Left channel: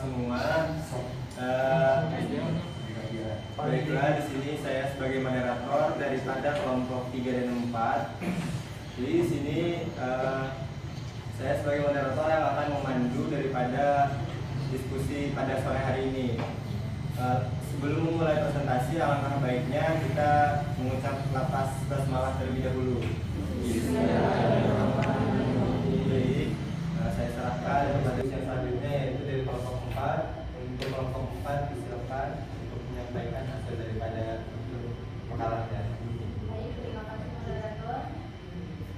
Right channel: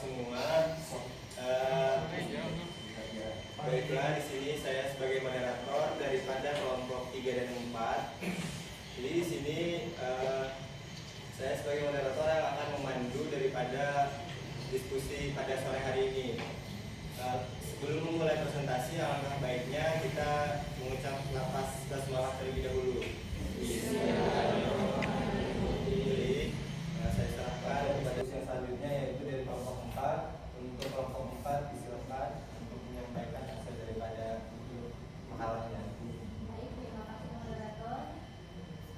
semua. Baiklah, di sini saya sebagai moderator daripada kelompok 3 dan 4. Jadi di sini saya sebagai moderator yang akan memandu daripada diskusi pada sore hari ini. Sebelum memulai presentasi, alangkah baiknya kita mengucap lafaz basmalah terlebih dahulu. Saya serahkan kepada yang selanjutnya, yaitu dari kelompok 4. Untuk kelompok 4 disilakan untuk menyampaikan hasil daripada makalahnya. Baik, terima kasih moderator.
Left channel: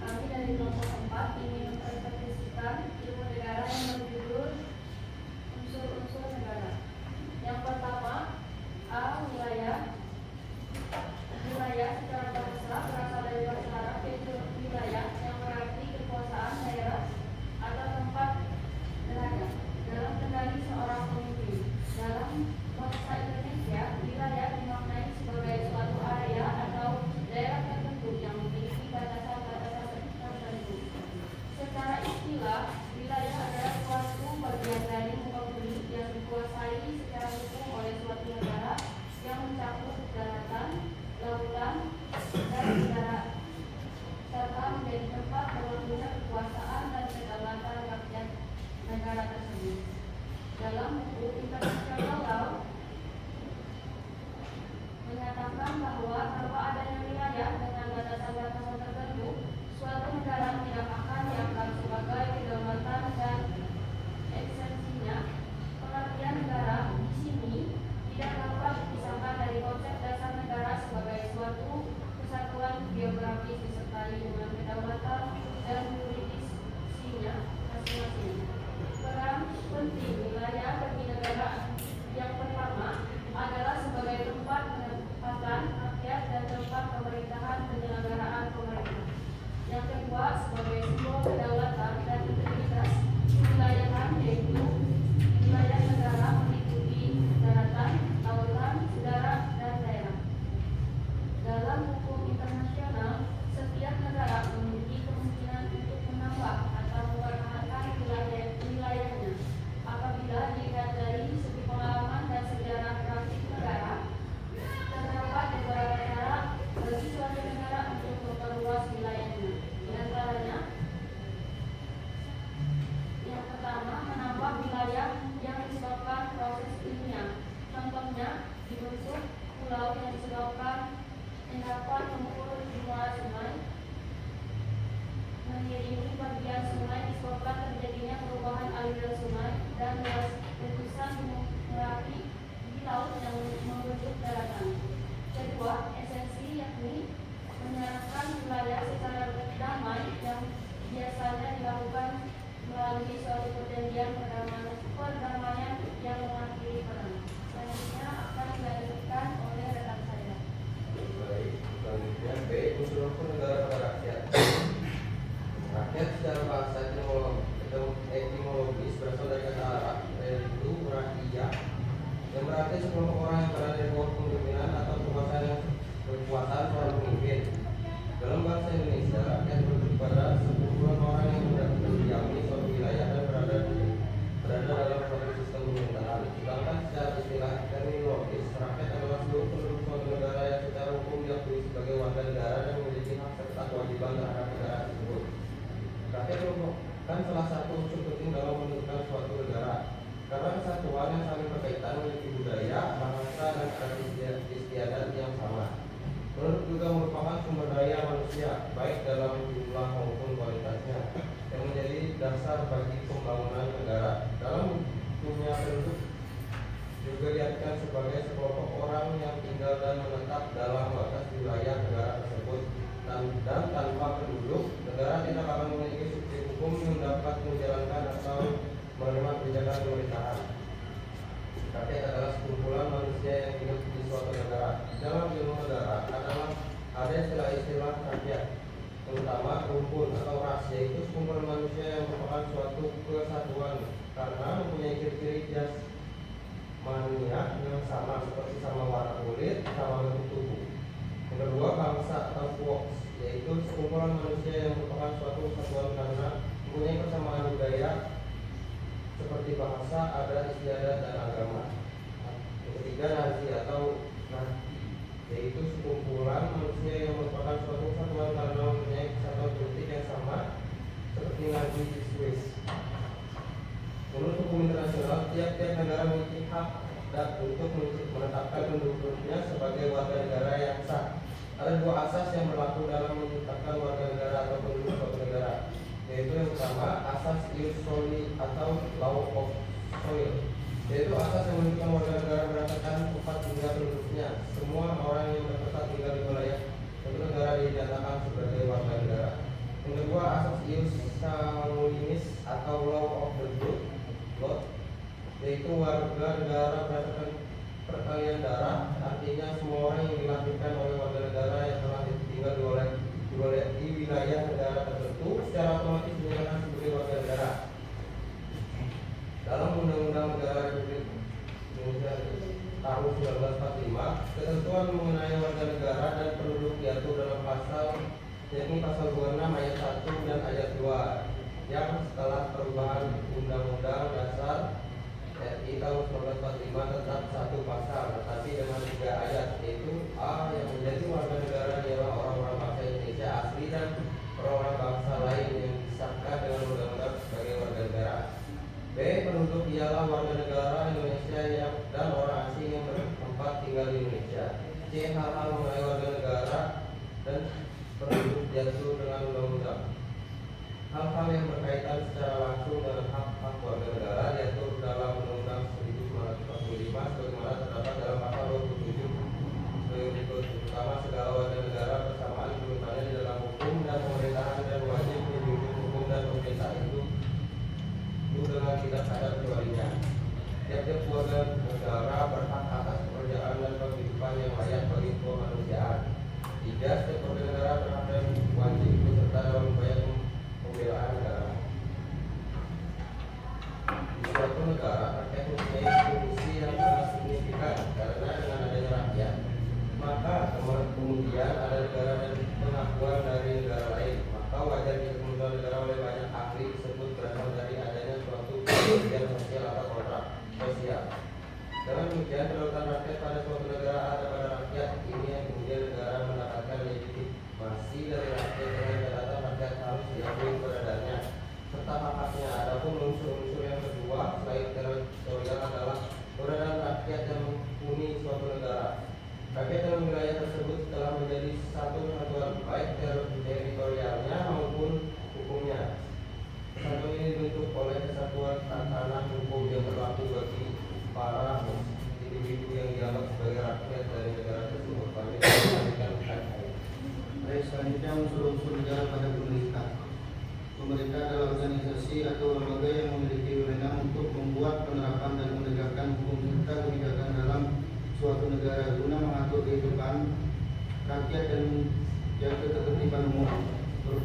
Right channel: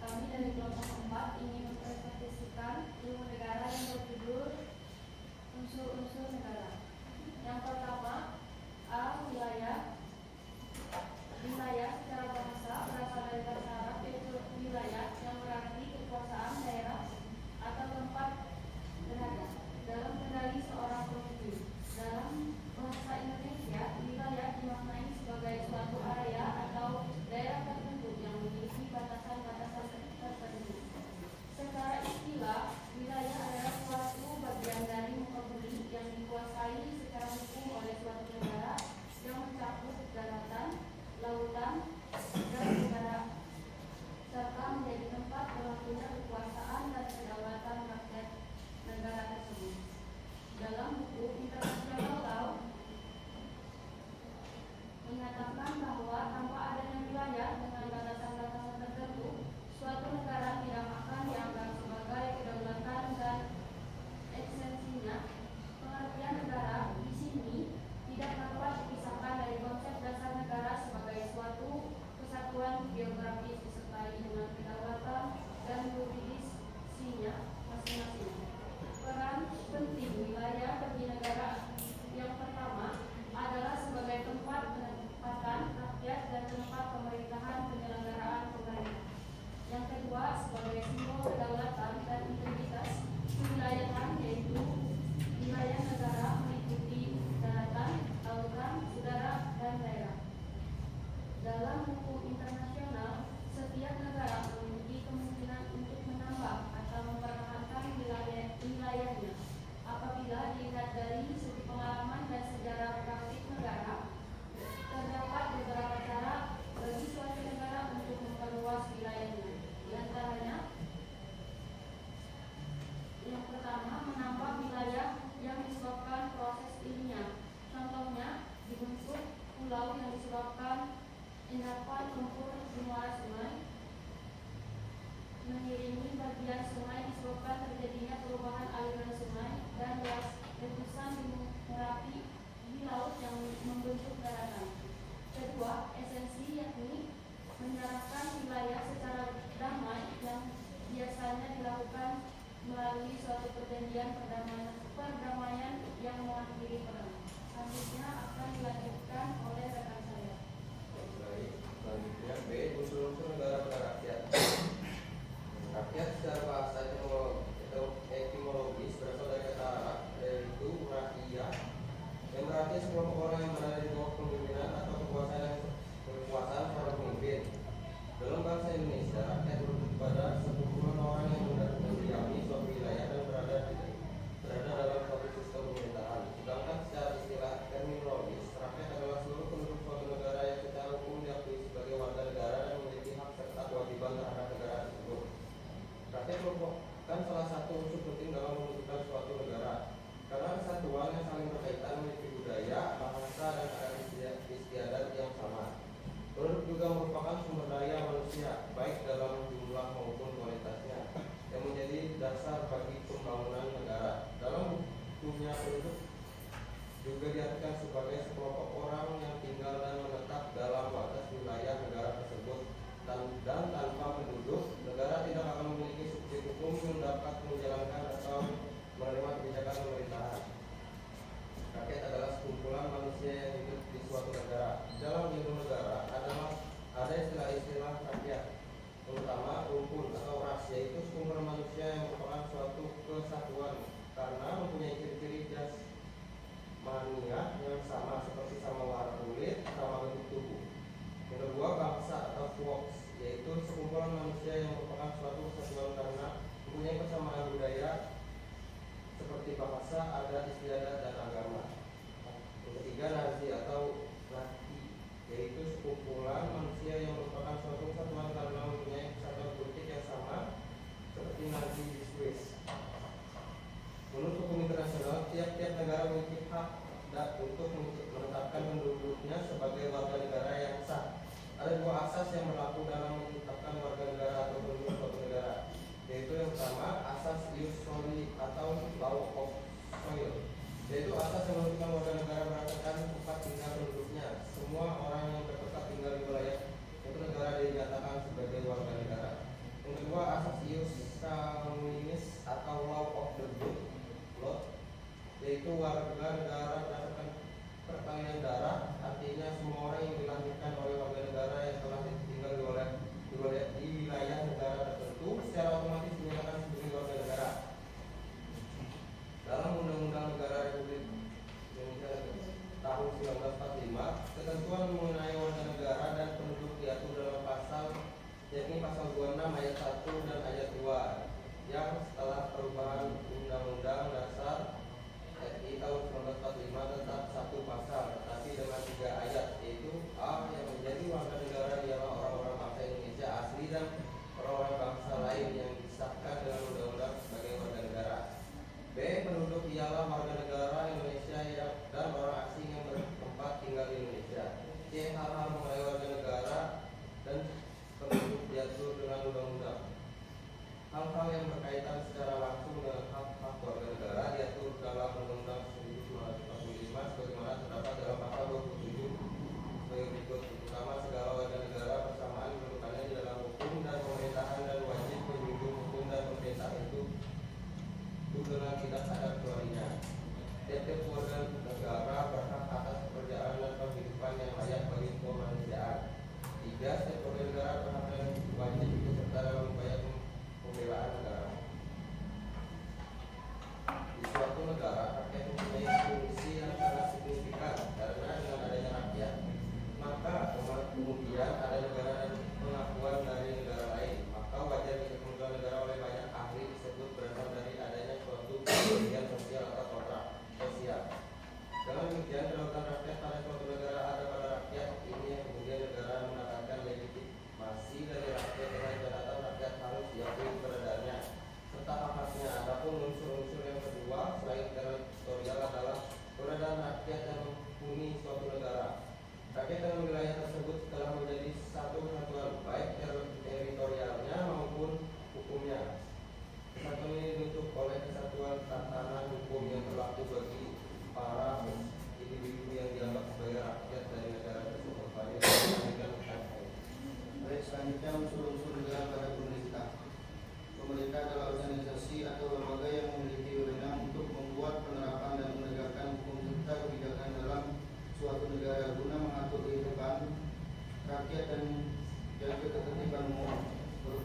Kami dari kelompok 4 ingin mempresentasikan ilmu negara yang berjudul unsur-unsur negara. Yang pertama, A. Wilayah. Wilayah secara bahasa berasal dari bahasa Arab, yaitu wilayah yang berarti kekuasaan daerah atau tempat berada dalam kendali seorang pemimpin. Dalam bahasa Indonesia, wilayah dimaknai sebagai suatu area atau daerah tertentu yang memiliki batasan-batasan tertentu. Secara istilah, wilayah adalah suatu bagian dari muka bumi yang dikuasai secara hukum oleh suatu negara yang mencakup daratan, lautan, dan udara, serta menjadi tempat berlakunya kekuasaan dan kedaulatan rakyat negara tersebut. Dalam buku International Law menyatakan bahwa tanpa adanya wilayah dengan batasan-batasan tertentu, suatu negara tidak akan dianggap sebagai kedaulatan dan esensinya. Pengertian negara di sini tidak dapat dipisahkan dari konsep dasar negara sebagai suatu kesatuan geografis disertai dengan kedaulatan dan jurisdiksinya masing-masing. Peran penting wilayah bagi negara yang pertama adalah sebagai tempat penempatan rakyat dan tempat pemerintahan penyelenggaraan pemerintah. Yang kedua, sebagai simbol kedaulatan dan integritas kewilayahan, yaitu wilayah negara meliputi daratan, lautan, udara, dan daerah. Dalam hukum internasional, setiap negara memiliki kemungkinan untuk menambah atau mempertahankan wilayahnya. Apabila dilihat dari segi pengalaman dan sejarah praktik negara, terdapat beberapa cara bagi suatu negara untuk memperluas wilayahnya. Di antaranya, yang pertama, menambah wilayah yang disebabkan proses ilmiah. Contohnya, dibentuk pulau yang disebabkan endapan mengukur jumlah sungai, mengiringi bagian sungai disebabkan terjadinya perubahan aliran sungai, dan letusan gunung Merapi di laut yang membentuk daratan. Kedua, esensi yakni menyarankan wilayah secara damai yang biasanya dilakukan melalui suatu perjanjian perdamaian yang mengakhiri perang. Selanjutnya akan dilanjutkan oleh rekan saya. Baik, selanjutnya B. Unsur-unsur negara pada rakyat. Rakyat secara bahasa etimologis berasal dari kata Arab, yaitu rakyat, yang berarti sekelompok orang yang berada di bawah kepemimpinan atau kekuasaan seorang pemimpin. Dalam bahasa Indonesia, rakyat berarti pada sekumpulan orang yang mendiami suatu wilayah dan berada dalam suatu sistem pemerintahan. Sedangkan secara istilah terminologis, rakyat adalah seluruh penduduk suatu negara yang secara hukum diakui sebagai warga negara dan memiliki hak serta kewajiban terhadap negara tersebut. Rakyat merupakan salah satu unsur penting dalam menentukan suatu negara, karena kesatuan yang saling berkaitan memiliki budaya, bahasa, dan adat istiadat yang sama. Penduduk juga merupakan sumber daya manusia, baik dalam jumlah maupun kualitasnya, yang menjadi dasar bagi pembangunan negara. Dalam dunia penduduk juga diartikan sebagai sekelompok orang yang tinggal dan menetap dalam batas wilayah negara tersebut, dan tanpa penduduk, negara tidak akan memiliki subsidi hukum yang dapat menjalankan atau menerima kebijakan pemerintahan. Rakyat adalah sekumpulan manusia yang hidup di suatu negara. Di dalam ilmu negara ada istilah rakyat, terutama rumpun atau ras, yaitu sekumpulan manusia yang merupakan suatu kesatuan karena mempunyai ciri-ciri jasmania yang sama, seperti sama warna kulit, sama bentuk tubuh. Yang kedua, bangsa atau Vox, yaitu sekumpulan manusia yang merupakan suatu kesatuan karena mempunyai persamaan budaya seperti bahasa, adat, istiadat, dan agama. Yang ketiga, nazi atau nati, yaitu sekumpulan manusia yang merupakan suatu kesatuan karena mempunyai kesatuan politik yang sama seperti nazi di Swiss. Menurut hukum internasional, tiap-tiap negara memiliki hak untuk menetapkan penduduknya sebagai warga negara yang sah. Ada dua asas yang berlaku dalam menetapkan warga negara atau penduduk suatu negara, yaitu yang pertama, asas ius soli atau law of soil, yaitu asas yang menentukan warga negara berdasarkan tempat tinggal penduduknya. Semua orang yang bertempat tinggal di wilayah suatu negara dinyatakan sebagai warga negara. Yang kedua, asas ius sanguinis atau law of the blood, yaitu warga negara berdasarkan peralihan darah. Artinya semua orang yang dilahirkan oleh warga negara yang telah tinggal di wilayah negara tertentu secara otomatis dinyatakan sebagai warga negara. Dalam Undang-Undang Negara Republik Indonesia tahun 1945, ketentuan mengenai warga negara dan penduduk diatur dalam pasal, yakni pasal 26 ayat 1 dan ayat 2, yang setelah perubahan Undang-Undang Dasar RI tahun 1945 tetap satu pasal, tetapi dengan 3 ayat, yaitu A. Yang menjadi warga negara ialah orang-orang bangsa Indonesia asli dan orang-orang bangsa lain yang disahkan dengan undang-undang sebagai warga negara. B. Penduduk ialah warga negara Indonesia dan orang asing yang bertempat tinggal di Indonesia. C. Hal-hal mengenai warga negara dan penduduk diatur dengan undang-undang. Hal-hal yang berkaitan secara langsung dengan hak-hak warga negara diatur dalam Undang-Undang 1945 sebagaimana terdapat dalam pasal 27 terutama segala warga negara bersamaan kedudukannya di dalam hukum dan pemerintahan dan wajib menjunjung hukum dan pemerintah itu dengan tidak ada kecualinya. Tiap-tiap warga negara berhak atas pekerjaan dan kehidupan yang layak bagi kemanusiaan. 3. Setiap warga negara berhak dan wajib ikut serta dalam upaya pembelaan negara. Di suatu negara, rakyat mempunyai fungsi yang sangat signifikan karena dengan adanya rakyat, maka kemudian ada negara dan pengakuan dari negara lain. Maka wajar jika pengakuan negara oleh banyak ahli tersebut berasal dari adanya suatu kemudian sosial atau kontrak sosial. Dengan demikian, kedaulatan rakyat pada suatu negara ada pada rakyat. Ini yang kemudian negara mendapatkan legitimasi dari rakyat dengan catatan rakyat harus diakui keberadaannya serta hak-haknya. Adapun unsur-unsur yang kedua selain teritorial adalah keberadaan rakyat yang menghuni suatu negara. Rakyat dalam wilayah tersebut telah menjadi satu kesatuan baik teritorialnya maupun hukumnya. Kesatuan ini dibentuk oleh kesatuan tatanan hukum yang berlaku bagi para individu yang dianggap sebagai rakyat dari negara tersebut. Baik, selanjutnya unsur-unsur negara pada pemerintah. Pemerintah adalah organisasi atau lembaga yang memiliki wewenang untuk membuat, penerapan, dan menegakkan hukum serta kebijakan dalam suatu negara guna mengatur kehidupan rakyat dan ketertiban umum.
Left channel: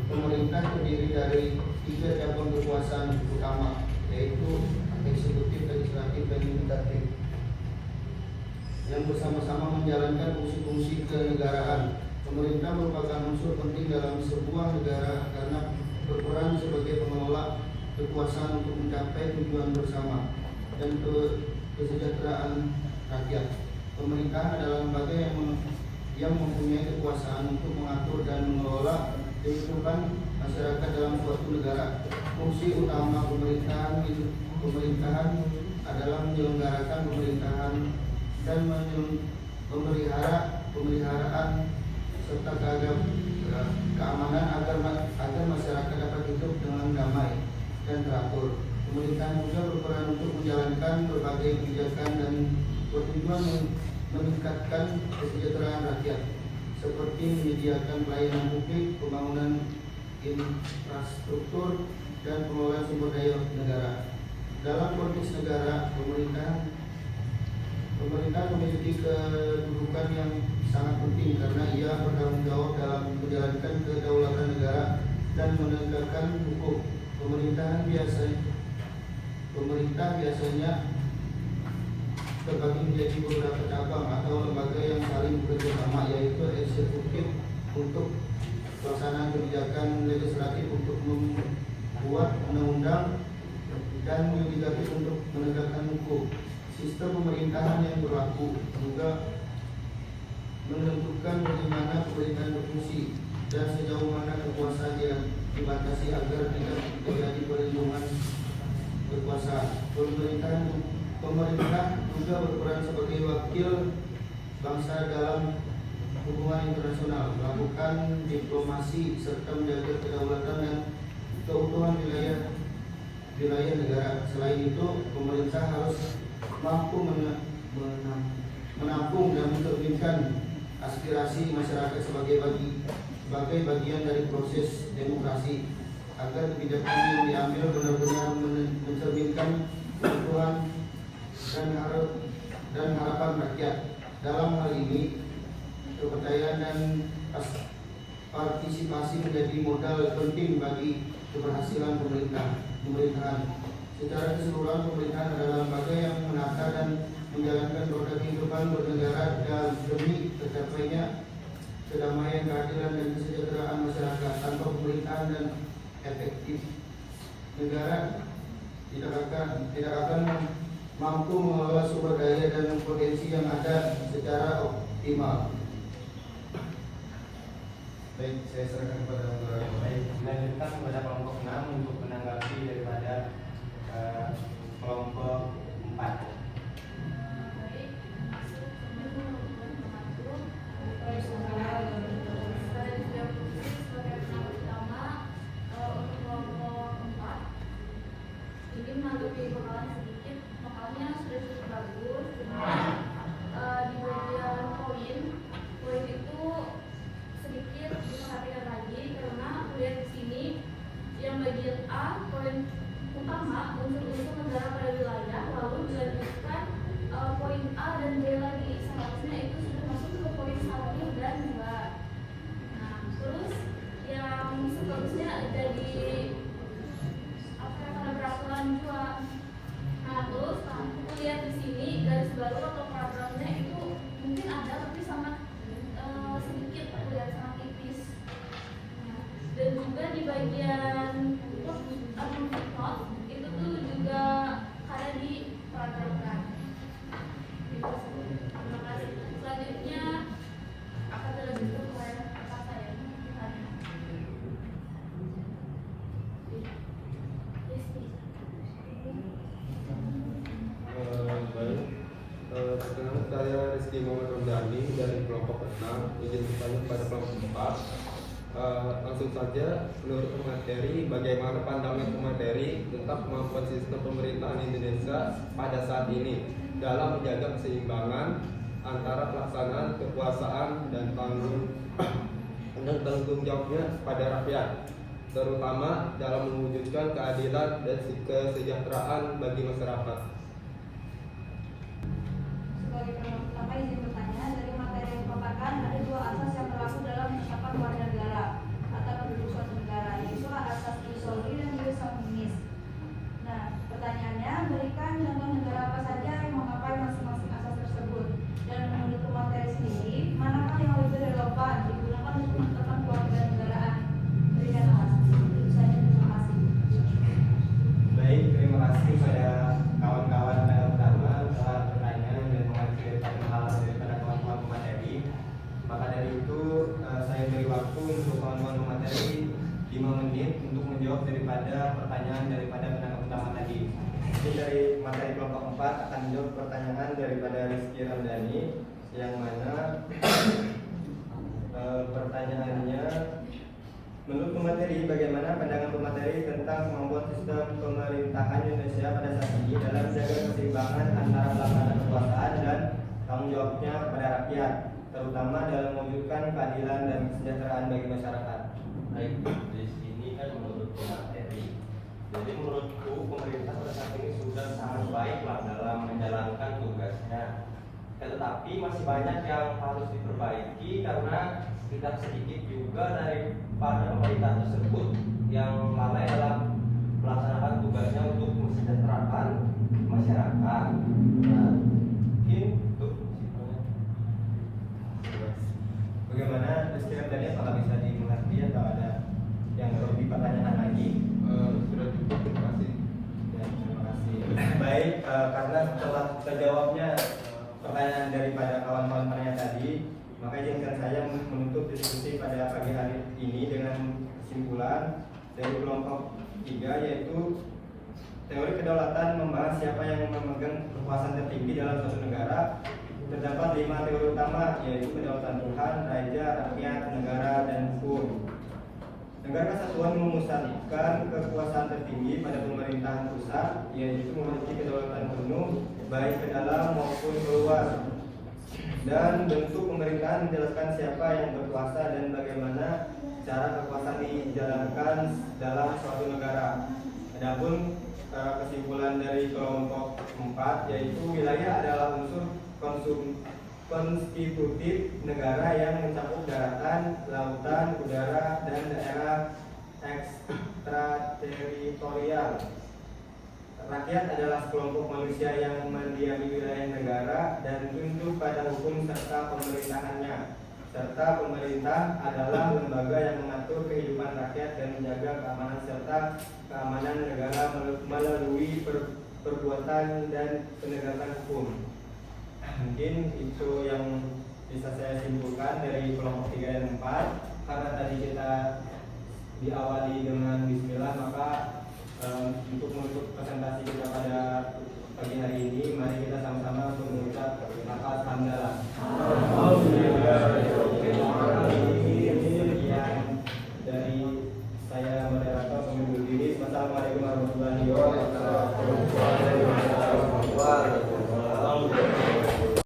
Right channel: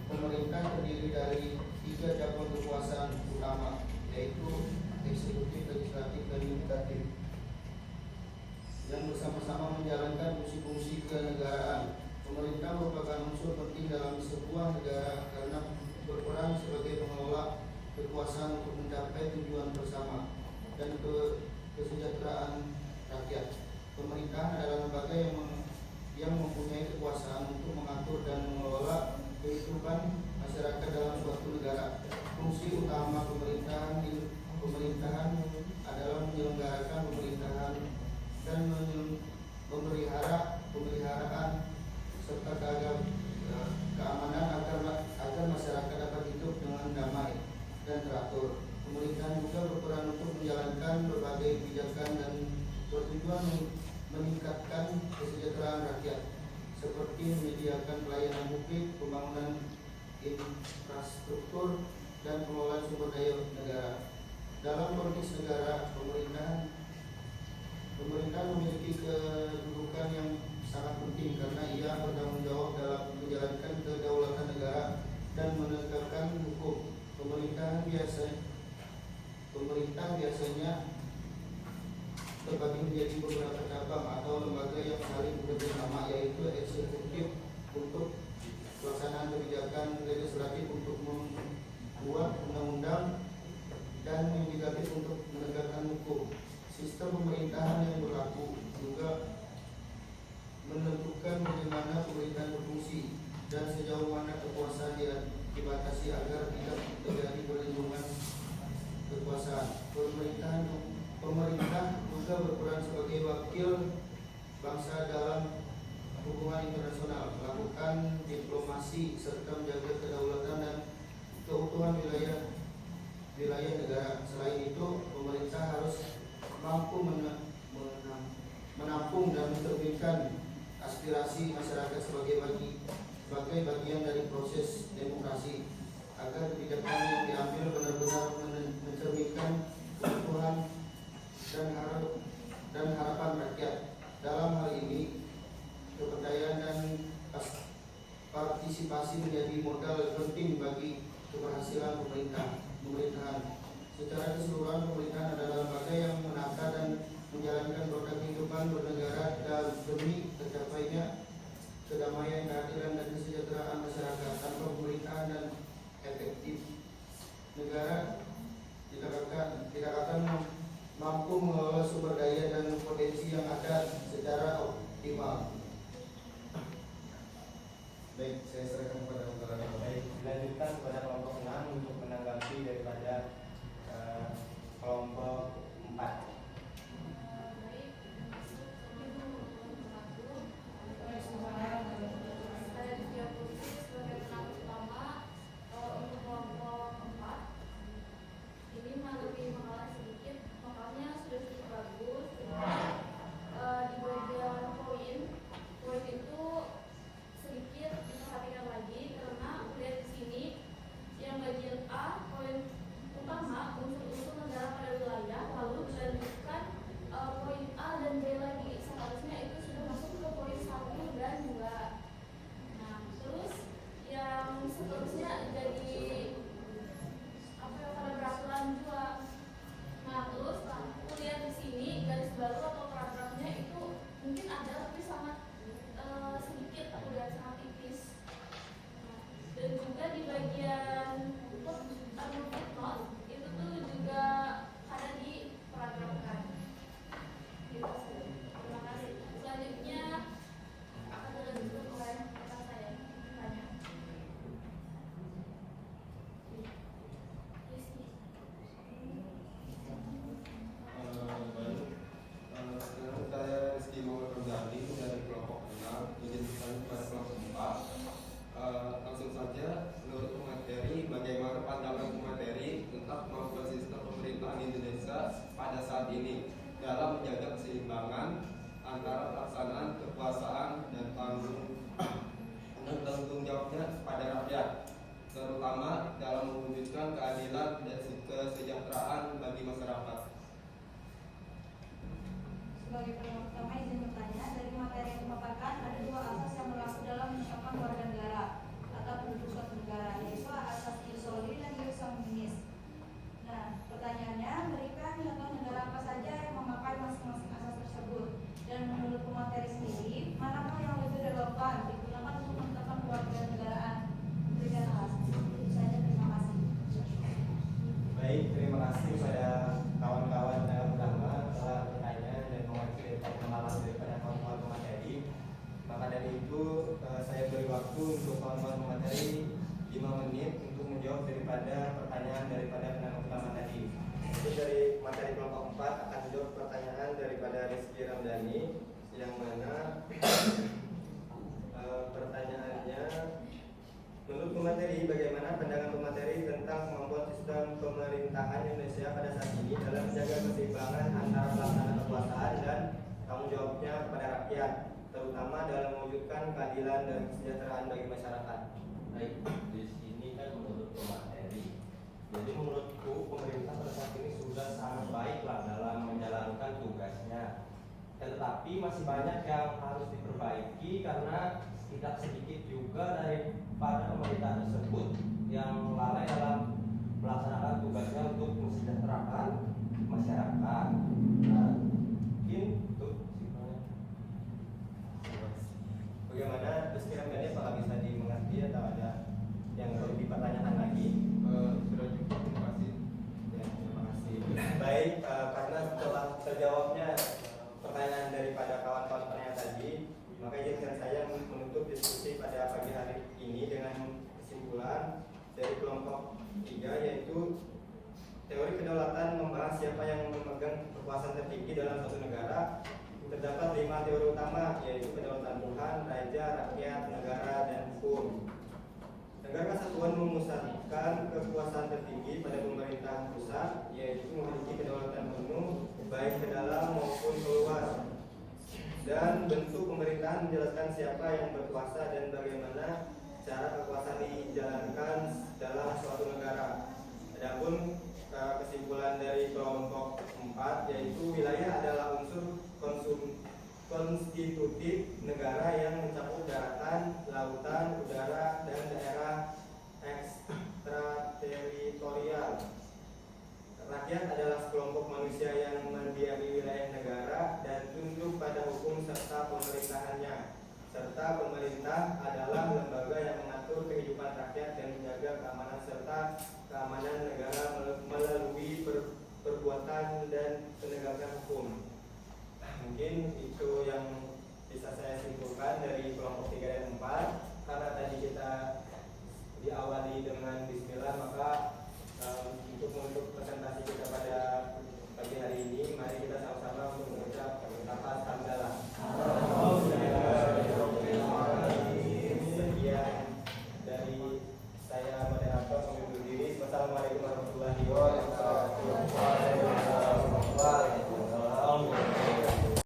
Pemerintah terdiri dari 3 cabang kekuasaan utama, yaitu eksekutif, legislatif, dan yudikatif, yang bersama-sama menjalankan fungsi-fungsi kenegaraan. Pemerintah merupakan unsur penting dalam sebuah negara karena berperan sebagai pengelola kekuasaan untuk mencapai tujuan bersama dan kesejahteraan rakyat. Pemerintah adalah lembaga yang mempunyai kekuasaan untuk mengatur dan mengelola kehidupan masyarakat dalam suatu negara. Fungsi utama pemerintahan adalah menyelenggarakan pemerintahan dan pemeliharaan serta keamanan agar masyarakat dapat hidup dengan damai dan teratur. Pemerintahan juga berperan untuk menjalankan berbagai kebijakan dan bertujuan meningkatkan kesejahteraan rakyat, seperti menyediakan pelayanan publik, pembangunan infrastruktur, dan pengelolaan sumber daya negara. Dalam konteks negara, pemerintah memiliki kedudukan yang sangat penting karena ia bertanggung jawab dalam menjalankan kedaulatan negara dan menegakkan hukum. Pemerintah biasanya terbagi menjadi beberapa cabang atau lembaga yang saling bekerja sama, yaitu eksekutif untuk pelaksanaan kebijakan, legislatif untuk membuat undang-undang, dan yudikatif untuk menegakkan hukum. Sistem pemerintahan yang berlaku juga menentukan bagaimana pemerintahan berfungsi dan sejauh mana kekuasaan dibatasi agar tidak terjadi perlindungan kekuasaan. Pemerintah juga berperan sebagai wakil bangsa dalam hubungan internasional, melakukan diplomasi serta menjaga kedaulatan dan keutuhan wilayah negara. Selain itu, pemerintah harus mampu menampung dan mencerminkan aspirasi masyarakat sebagai bagian dari proses demokrasi, agar kebijakan yang diambil benar-benar mencerminkan kebutuhan dan harapan rakyat. Dalam hal ini, kepercayaan dan partisipasi menjadi modal penting bagi keberhasilan pemerintahan. Secara keseluruhan, pemerintahan adalah lembaga yang menata dan menjalankan roda kehidupan bernegara dan demi tercapainya kedamaian, keadilan, dan kesejahteraan masyarakat. Tanpa pemerintahan dan efektif, negara tidak akan mampu mengelola sumber daya dan potensi yang ada secara optimal. Baik, saya serahkan kepada moderator. Baik, dilanjutkan kepada kelompok 6 untuk menanggapi daripada kelompok 4. Baik, kami mengatur saya juga berfungsi sebagai penanggung utama untuk kelompok 4. Ini menanggapi pengalaman sedikit, makanya sudah cukup bagus. Di bagian poin itu sedikit diperhatikan lagi, karena lihat di sini yang bagian A, poin utama unsur-unsur negara pada wilayah, lalu dilanjutkan poin A dan B lagi. Seharusnya itu sudah masuk ke poin 1 dan 2. Nah, terus yang seterusnya jadi pada peraturan 2. Nah, terus aku lihat di sini garis baru atau paragrafnya itu mungkin ada, tapi sangat sedikit, aku lihat sangat tipis. Nah, dan juga di bagian footnote itu tuh juga ada di paragrafkan. Terima kasih. Selanjutnya akan dilanjutkan oleh kakak saya. Baik, perkenalkan saya Rizky Muhammad Ramdhani dari kelompok 6. Izin bertanya kepada kelompok 4. Langsung saja, menurut pemateri, bagaimana pandangan pemateri tentang kemampuan sistem pemerintahan Indonesia pada saat ini dalam menjaga keseimbangan antara pelaksanaan kekuasaan dan tanggung jawabnya pada rakyat, terutama dalam mewujudkan keadilan dan kesejahteraan bagi masyarakat. Sebagai pendapat pertama, izin bertanya, dari materi yang dipaparkan ada 2 asas yang berlaku dalam menetapkan warga negara atau penduduk suatu negara, yaitu asas jus soli dan jus sanguinis. Nah, pertanyaannya, berikan contoh negara apa saja yang memakai masing-masing asas tersebut, dan menurut pemateri sendiri, manakah yang lebih relevan digunakan untuk menetapkan warga negaraan? Berikan alasan. Itu saja, terima kasih. Baik, terima kasih pada kawan-kawan pendapat utama telah bertanya dan mengajukan pengalaman daripada kawan-kawan pemateri. Maka dari itu saya beri waktu untuk kawan-kawan pemateri 5 menit untuk menjawab daripada pertanyaan daripada pendapat utama tadi. Mungkin dari materi kelompok 4 akan menjawab pertanyaan daripada Rizky Ramdhani, yang mana pertanyaannya, menurut pemateri, bagaimana pandangan pemateri tentang kemampuan sistem pemerintahan Indonesia pada saat ini dalam menjaga keseimbangan antara pelaksanaan kekuasaan dan tanggung jawabnya kepada rakyat, terutama dalam mewujudkan keadilan dan kesejahteraan bagi masyarakat? Baik, di sini kan menurut pemateri. Jadi menurutku pemerintah pada saat ini sudah sangat baik lah dalam menjalankan tugasnya. Tetapi masih banyak yang harus diperbaiki karena tidak sedikit juga dari para pemerintah tersebut yang lalai dalam melaksanakan tugasnya untuk mensejahterakan masyarakat. Nah, mungkin itu Bagaimana Rizky Ramdhani, apakah bisa dimengerti atau ada yang perlu dipertanyakan lagi? Sudah cukup, terima kasih. Ya, terima karena setelah terjawabnya pertanyaan daripada kawan-kawan penanya tadi, maka izinkan saya menutup diskusi pada pagi hari ini dengan kesimpulan dari kelompok 3, yaitu teori kedaulatan membahas siapa yang memegang kekuasaan tertinggi dalam suatu negara. Terdapat 5 teori utama, yaitu kedaulatan Tuhan, raja, rakyat, negara, dan hukum. Negara kesatuan memusatkan kekuasaan tertinggi pada pemerintahan pusat, yaitu memiliki kedaulatan penuh baik ke dalam maupun keluar. Dan bentuk pemerintahan menjelaskan siapa yang berkuasa dan bagaimana cara kekuasaan dijalankan dalam suatu negara. Adapun kesimpulan dari kelompok 4, yaitu wilayah adalah unsur konstitutif negara yang mencakup daratan, lautan, udara, dan daerah ekstrateritorial. Rakyat adalah sekelompok manusia yang mendiami wilayah negara dan tunduk pada hukum serta pemerintahannya. Serta pemerintah adalah lembaga yang mengatur kehidupan rakyat dan menjaga keamanan serta keamanan negara melalui perbuatan dan penegakan hukum. Mungkin itu yang bisa saya simpulkan dari kelompok 3 dan 4. Karena tadi kita diawali dengan bismillah, maka untuk menutup presentasi kita pada pagi hari ini, mari